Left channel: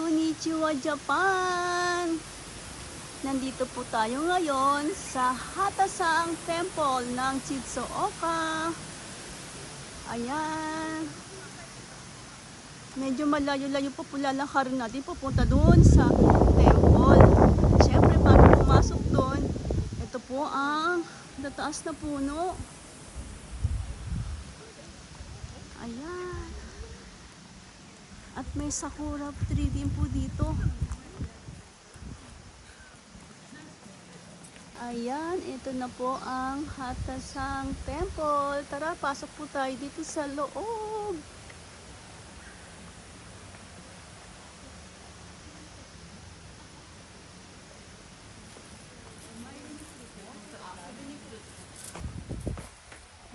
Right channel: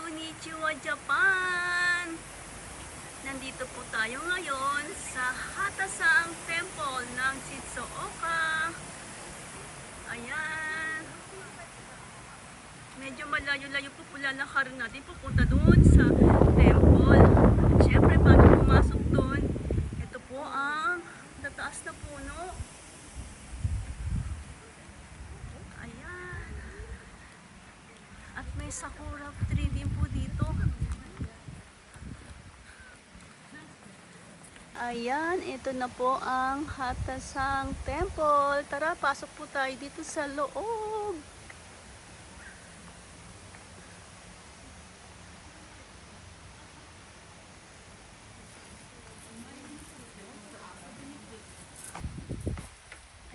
Konnichiwa Japan! Nandito po tayo ngayon sa Hatasang Temple ng Chitsuoka. Ayan. Medyo malayo-layo po po lalakarin natin pupunta doon sa temple. Siyempre, bago pumasok doon, ito po ang nataas na puno. Ayan. At may sakura tree din po dito. Ayan, ito na po ang Hatasang Temple. Tara, pasok po tayo dito sa loob.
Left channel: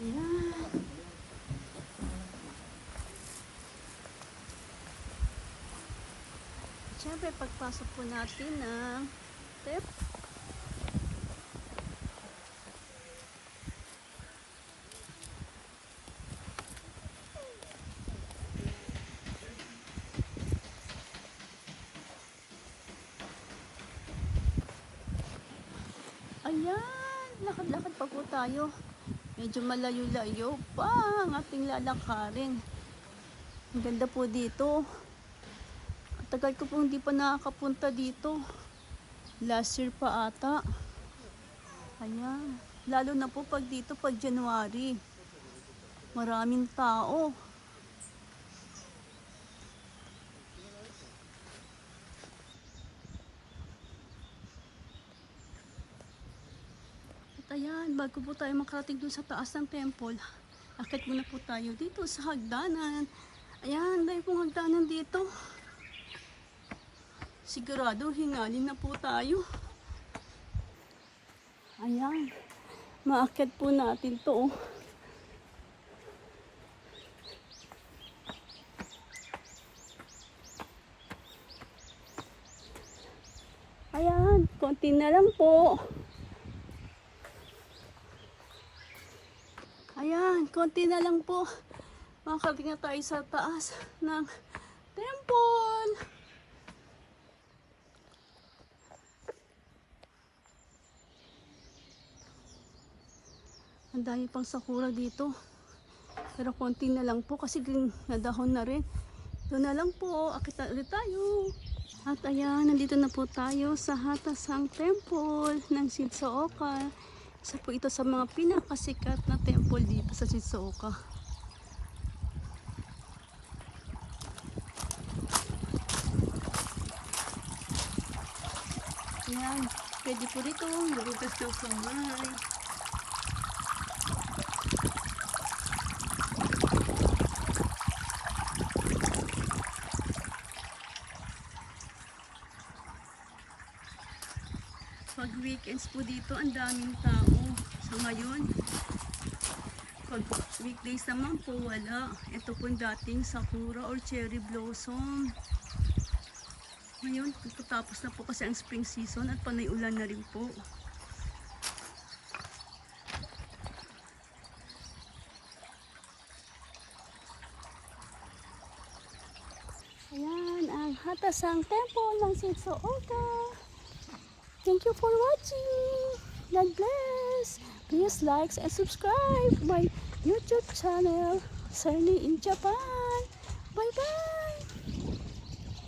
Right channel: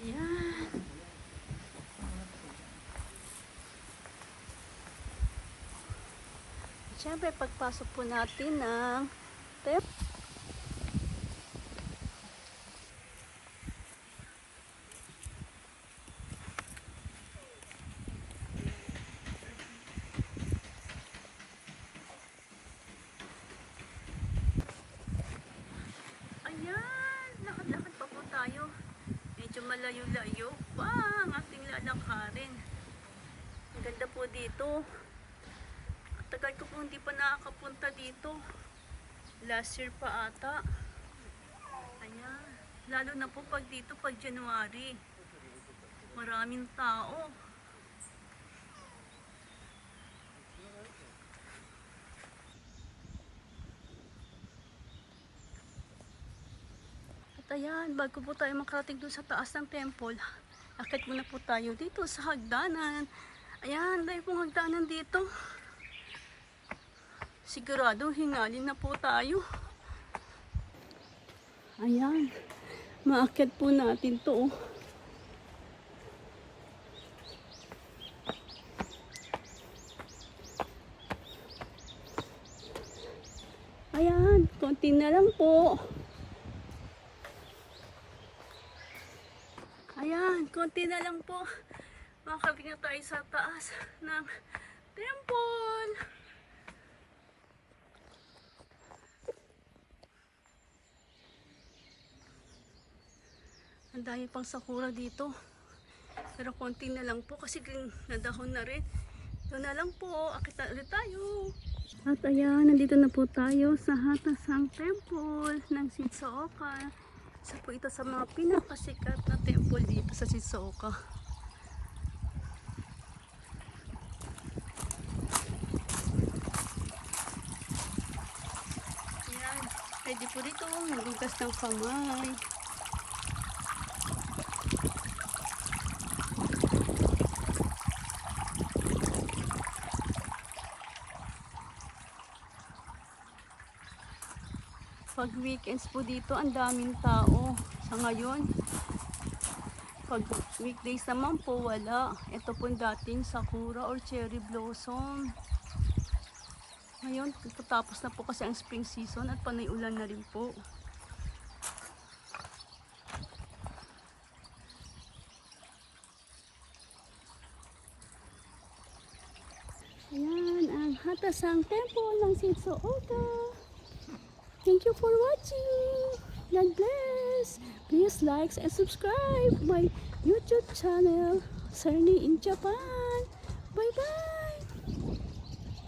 Ayan. Siyempre, pagpasok po natin ng temple. Ayan, lakad-lakad pa po tayo. Medyo malayo-layo pa ang ating lalakarin. Ang ganda po dito. Tagal ko po hindi pa nakakapunta dito. Last year pa ata. Ayan. Lalo na po pag dito, pag January. Maraming tao. At ayan, bago po tayo makarating dun sa taas ng temple, akit muna po tayo dito sa hagdanan. Ayan, dahil pong hagdanan dito. Sigurado, hingalin na po tayo. Ayan, maakit po natin to. oh. Ayan, konti na lang po. Ayan, konti na lang po. Makakabing na tayo sa taas ng temple. Ang dami pang sakura dito. Pero konti na lang po kasi green na rin. Doon na lang po. Akit ulit tayo. At ayan, nandito na po tayo sa Hatasang Temple ng Shizuoka. Isa po ito sa mga pinakasikat na temple dito sa Shizuoka. Ayan, pwede po dito magugas ng kamay. Pag weekends po dito, ang daming tao. Sa ngayon, pag weekdays naman po, wala. Ito po dating sakura or cherry blossom. Ngayon, tapos na po kasi ang spring season at panay ulan na rin po. Ayan, ang Hatasang Temple ng Shizuoka. Thank you for watching. God bless. Please like and subscribe my YouTube channel, Cerny in Japan.